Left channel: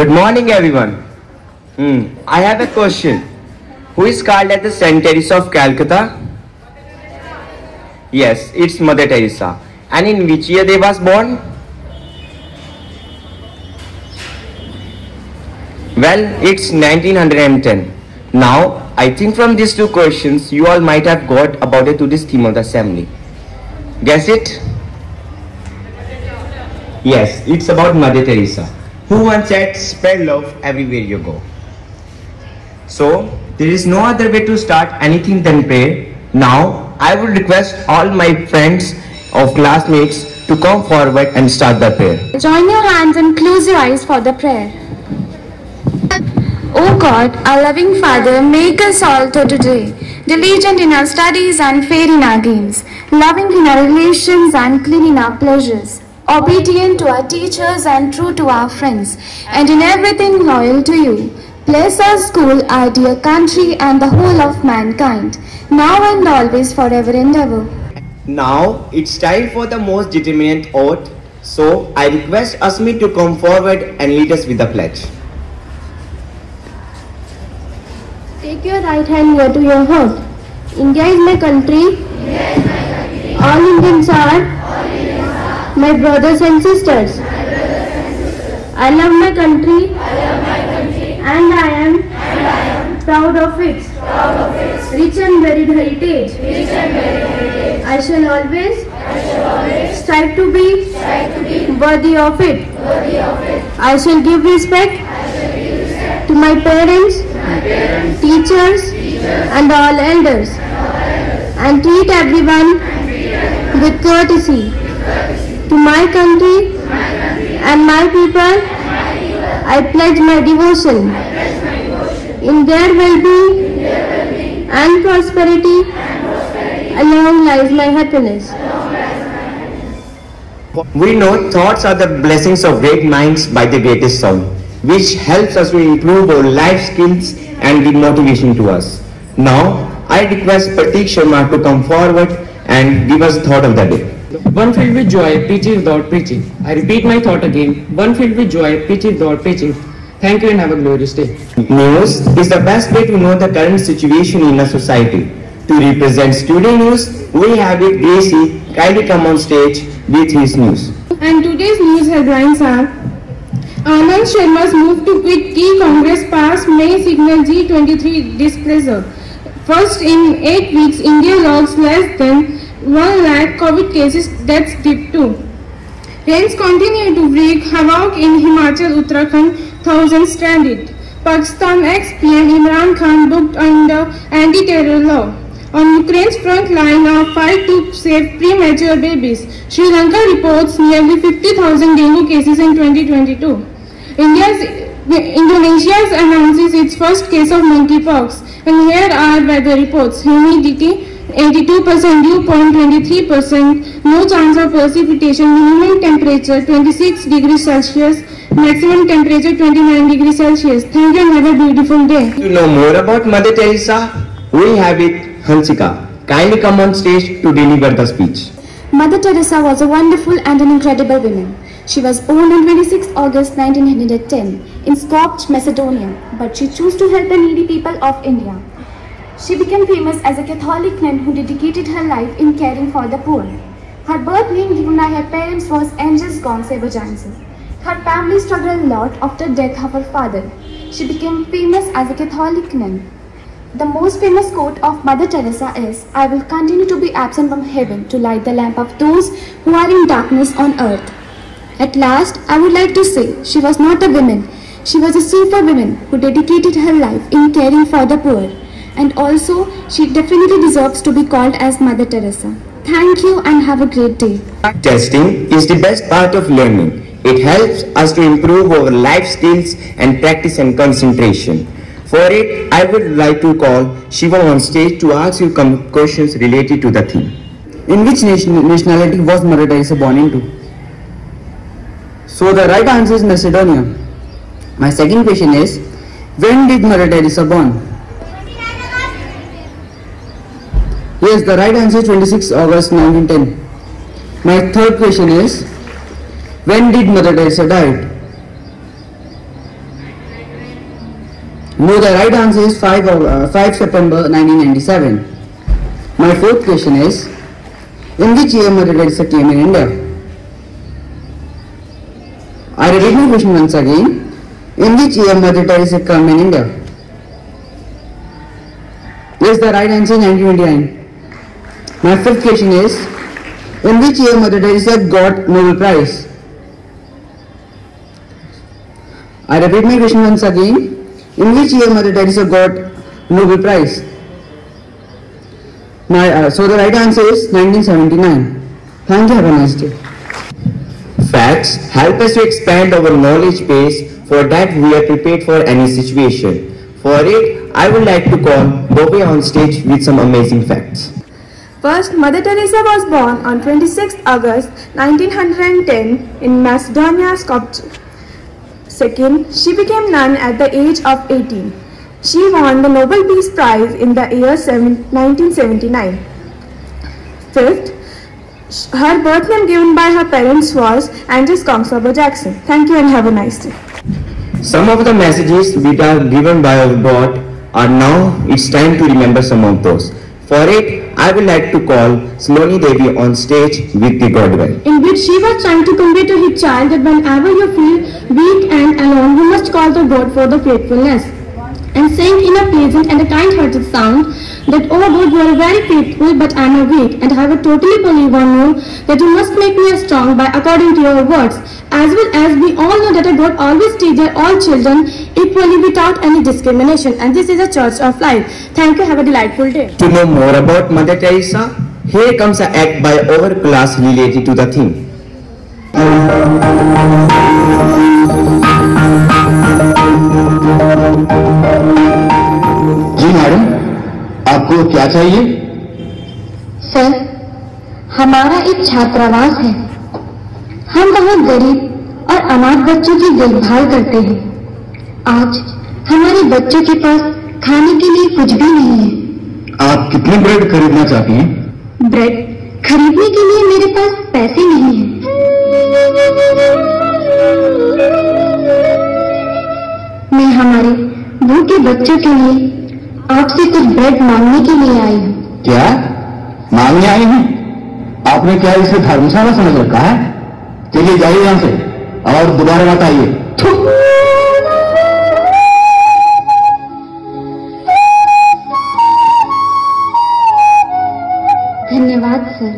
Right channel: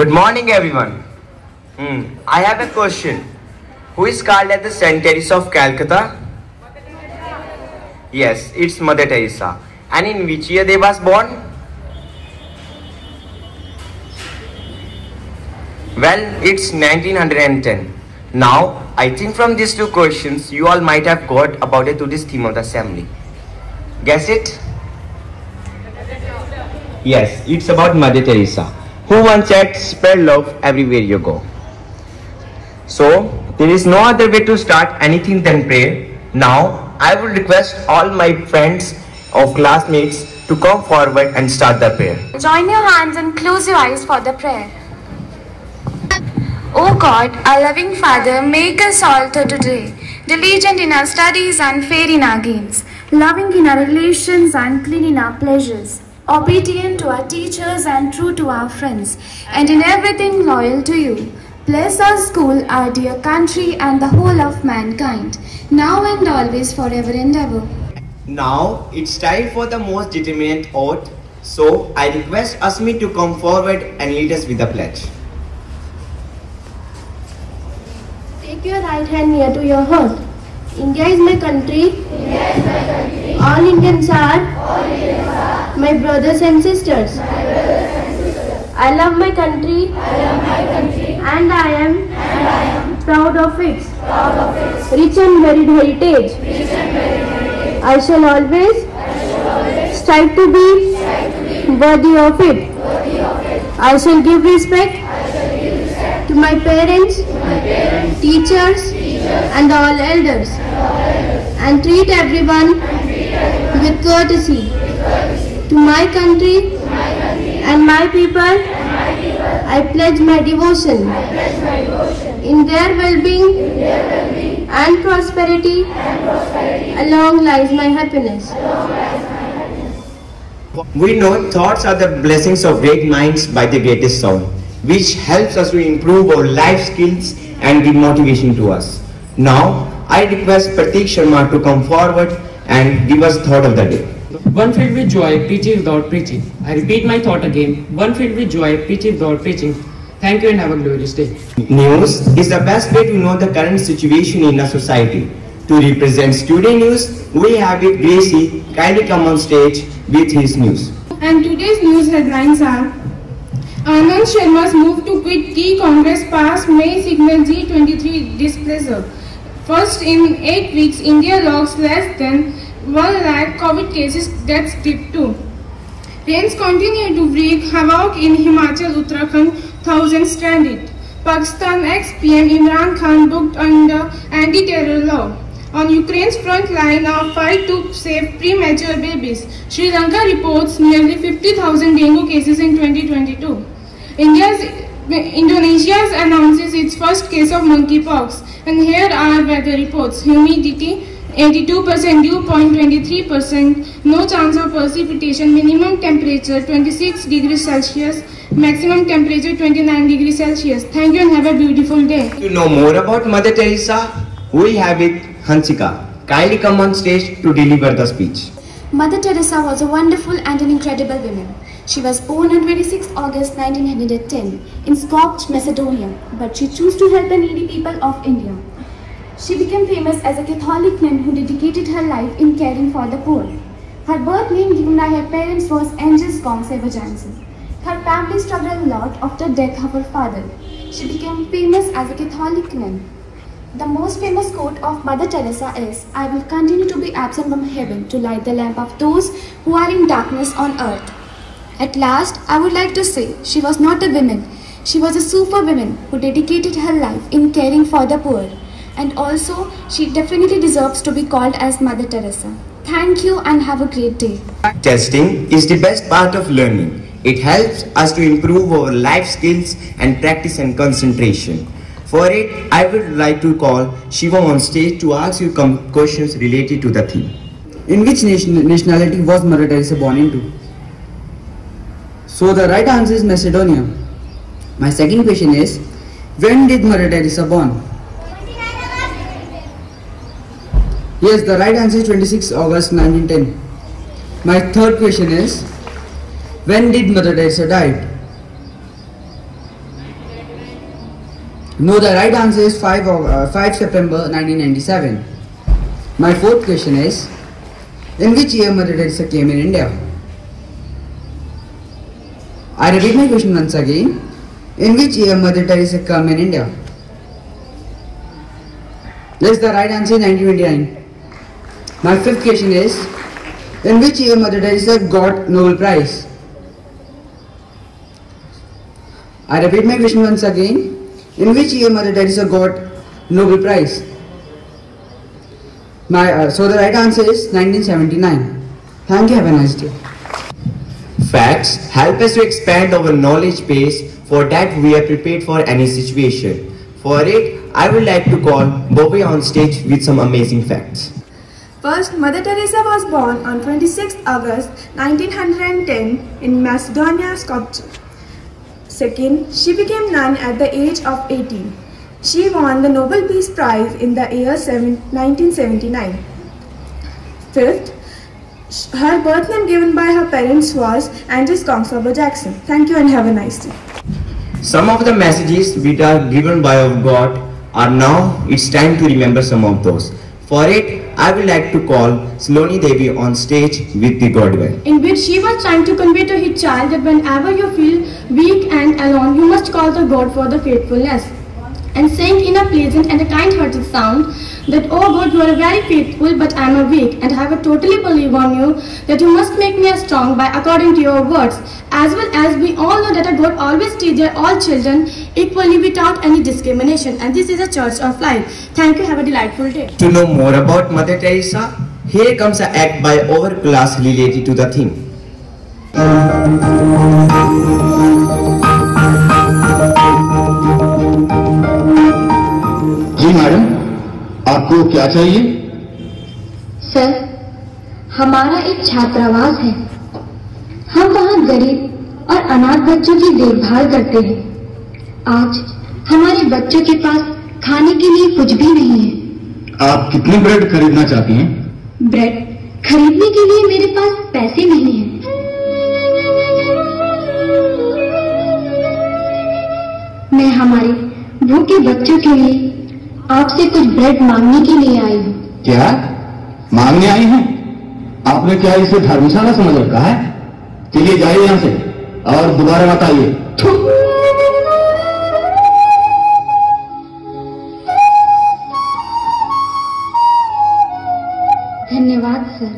Good morning, everyone. I have a question. Who is called as the Saint Teresa of Calcutta? Yes, it's Mother Teresa. And in which year they was born? Well, it's 1910. Now, I think from these two questions, you all might have got about it to this theme of the assembly. Guess it? Yes, it's about Mother Teresa, who once said, spread love everywhere you go. So, there is no other way to start anything than prayer. Now, I would request all my friends or classmates to come forward and start the prayer. Join your hands and close your eyes for the prayer. O God, our loving Father, make us all today diligent in our studies and fair in our games, loving in our relations and clean in our pleasures, obedient to our teachers and true to our friends, and in everything loyal to you. Bless our school, our dear country, and the whole of mankind, now and always, forever and ever. Now, it's time for the most determined oath, so I request Asmi to come forward and lead us with the pledge. Take your right hand near to your heart. India is my country. All Indians are my brothers and sisters. I love my country and I am proud of its rich and varied heritage. I shall always strive to be worthy of it. I shall give respect to my parents, teachers, and all elders, and treat everyone with courtesy. To my country and my people, I pledge my devotion. In their well-being and prosperity, along lies my happiness. We know thoughts are the blessings of great minds by the greatest soul, which helps us to improve our life skills and give motivation to us. Now, I request Pratik Sharma to come forward and give us thought of the day. One filled with joy, preaches without preaching. I repeat my thought again. One filled with joy, preaches without preaching. Thank you and have a glorious day. News is the best way to know the current situation in a society. To represent Student News, we have it Gracie kindly come on stage with his news. And today's news headlines are: Anand Sharma's move to quit key Congress pass may signal G23 displeasure. First in 8 weeks, India logs less than 1 lakh COVID cases, deaths dip too. Rains continue to wreak havoc in Himachal, Uttarakhand, thousands stranded. Pakistan ex-PM Imran Khan booked under anti-terror law. On Ukraine's front line, a fight to save premature babies. Sri Lanka reports nearly 50,000 dengue cases in 2022. Indonesia announces its first case of monkeypox. And here are weather reports. Humidity 82%, dew point 23%, no chance of precipitation, minimum temperature 26 degrees Celsius, maximum temperature 29 degrees Celsius. Thank you and have a beautiful day. To know more about Mother Teresa, we have it Hansika. Kindly come on stage to deliver the speech. Mother Teresa was a wonderful and an incredible woman. She was born on 26 August 1910 in Skopje, Macedonia, but she chose to help the needy people of India. She became famous as a Catholic nun who dedicated her life in caring for the poor. Her birth name given by her parents was Angels Gong Jansen. Her family struggled a lot after the death of her father. She became famous as a Catholic nun. The most famous quote of Mother Teresa is, "I will continue to be absent from heaven to light the lamp of those who are in darkness on earth." At last, I would like to say, she was not a woman. She was a superwoman who dedicated her life in caring for the poor. And also, she definitely deserves to be called as Mother Teresa. Thank you and have a great day. Testing is the best part of learning. It helps us to improve our life skills and practice and concentration. For it, I would like to call Shiva on stage to ask you questions related to the theme. In which nationality was Mother Teresa born into? So the right answer is Macedonia. My second question is, when did Mother Teresa born? Yes, the right answer is 26 August 1910. My third question is, when did Mother Teresa die? No, the right answer is 5 September 1997. My fourth question is, in which year Mother Teresa came in India? I repeat my question once again. In which year Mother Teresa came in India? Yes, the right answer is 1929. My fifth question is, in which year Mother Teresa got Nobel Prize? I repeat my question once again. In which year Mother Teresa got Nobel Prize? So the right answer is 1979. Thank you. Have a nice day. Facts help us to expand our knowledge base. For that, we are prepared for any situation. For it, I would like to call Bobby on stage with some amazing facts. First, Mother Teresa was born on 26 August 1910 in Macedonia, Skopje. Second, she became nun at the age of 18. She won the Nobel Peace Prize in the year 1979. Fifth, her birth name given by her parents was Andres Kongsberger Jackson. Thank you and have a nice day. Some of the messages which are given by our God are now, it's time to remember some of those. For it, I would like to call Saloni Devi on stage with the God well. In which she was trying to convey to his child that whenever you feel weak and alone, you must call to God for the faithfulness. And saying in a pleasant and a kind-hearted sound that, oh God, you are very faithful, but I am weak, and I have totally believe on you that you must make me strong by according to your words. As well as we all know that a God always teaches all children equally without any discrimination, and this is a church of life. Thank you. Have a delightful day. To know more about Mother Teresa, here comes an act by our class related to the theme. जी madam, आपको क्या चाहिए? Sir, हमारा एक छात्रावास है। हम वहाँ गरीब और अनाथ बच्चों की देखभाल करते हैं। आज हमारे बच्चों के पास खाने के लिए कुछ भी नहीं है। आप कितनी ब्रेड खरीदना चाहती हैं? ब्रेड खरीदने के लिए मेरे पास पैसे नहीं हैं। मैं हमारे भूखे बच्चों के लिए आपसे कुछ ब्रेड मांगने के लिए आई हूँ। क्या मांगने आई हैं? आपने क्या इसे धर्मशाला समझ रखा है? चलिए जाइए यहाँ से और दोबारा मत आइए। धन्यवाद सर।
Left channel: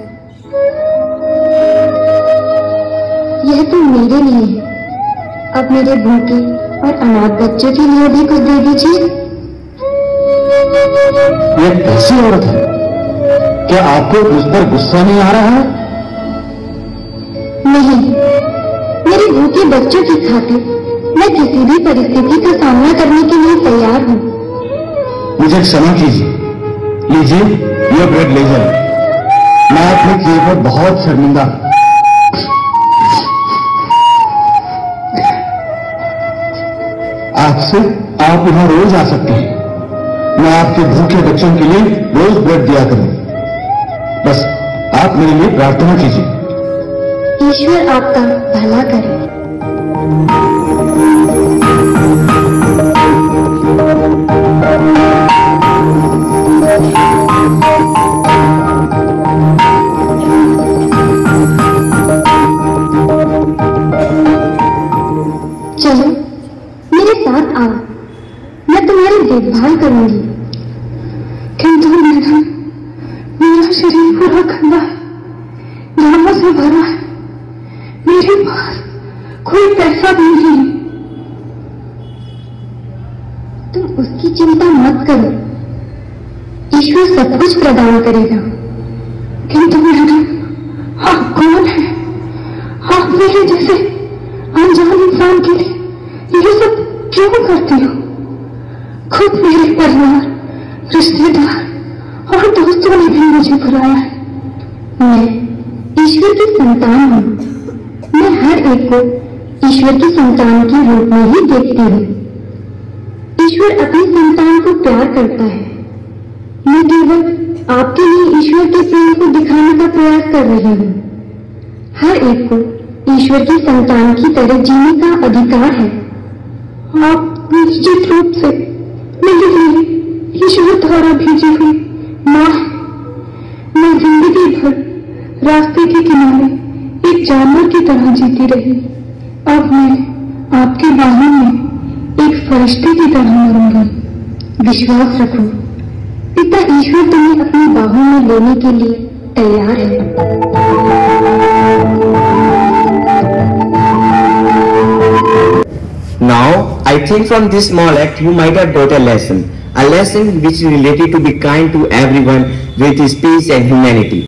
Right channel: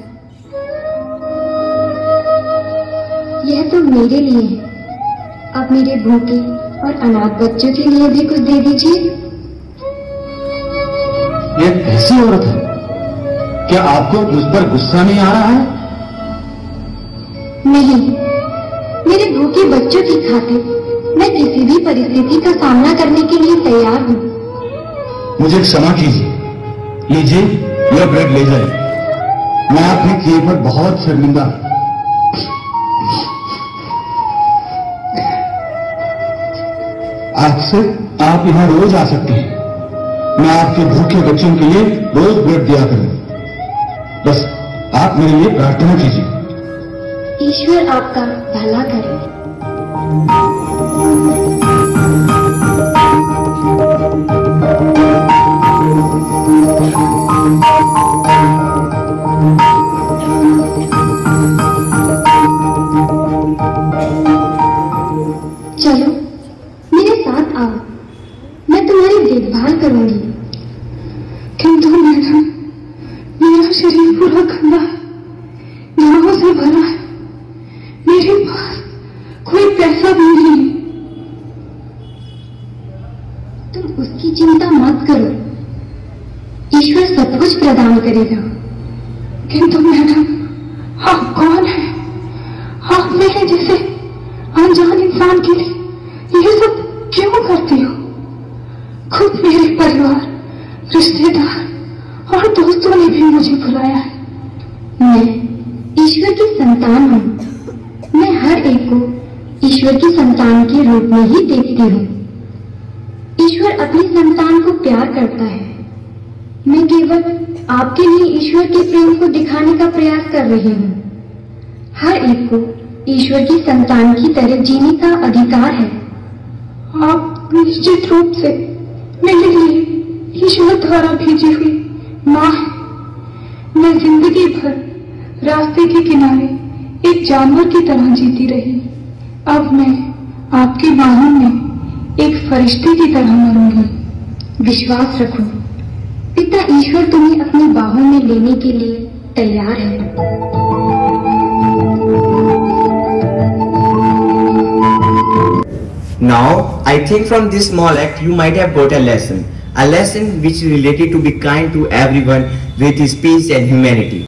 यह तो मेरे लिए है। अब मेरे भूखे और अनाथ बच्चों के लिए भी कुछ दे दीजिए। ये कैसी औरत है? क्या आपको मुझ पर गुस्सा नहीं आ रहा है? नहीं, मेरे भूखे बच्चों की खातिर मैं किसी भी परिस्थिति का सामना करने के लिए तैयार हूँ। मुझे क्षमा कीजिए। लीजिए, यह ब्रेड ले जाए। मैं अपने किए पर बहुत शर्मिंदा हूं। आज से आप यहाँ रोज आ सकते हैं। मैं आपके भूखे बच्चों के लिए रोज ब्रेड दिया करूं। बस आप मेरे लिए प्रार्थना कीजिए। ईश्वर आपका भला करे। चलो मेरे साथ आओ, मैं तुम्हारी देखभाल करूंगी। किंतु मैडम, मेरा शरीर पूरा गंदा है, घावों से भरा है, मेरे पास कोई पैसा भी नहीं। तुम उसकी चिंता मत करो, ईश्वर सब कुछ प्रदान करेगा। किंतु मैडम, आप कौन है? आप मेरे जैसे अनजान इंसान के लिए ये सब क्यों करती हो? खुद मेरे परिवार, रिश्तेदार और दोस्तों ने भी मुझे बुलाया है। मैं ईश्वर की संतान हूँ। मैं हर एक को ईश्वर की संतान के रूप में ही देखती हूँ। ईश्वर अपनी संतान को प्यार करता है। मैं केवल आपके लिए ईश्वर के प्रेम को दिखाने का प्रयास कर रही हूँ। हर एक को ईश्वर की संतान की तरह जीने का अधिकार है। आप निश्चित रूप से जो धारा भेजी हुई माँ, मैं जिंदगी भर रास्ते के किनारे एक जानवर की तरह जीती रही। अब मैं आपकी बाहों में एक फरिश्ते की तरह मरूंगी। विश्वास रखो, पिता ईश्वर तुम्हें अपनी बाहों में लेने के लिए तैयार है। Now, I think from this small act you might have got a lesson which is related to be kind to everyone with speech and humanity.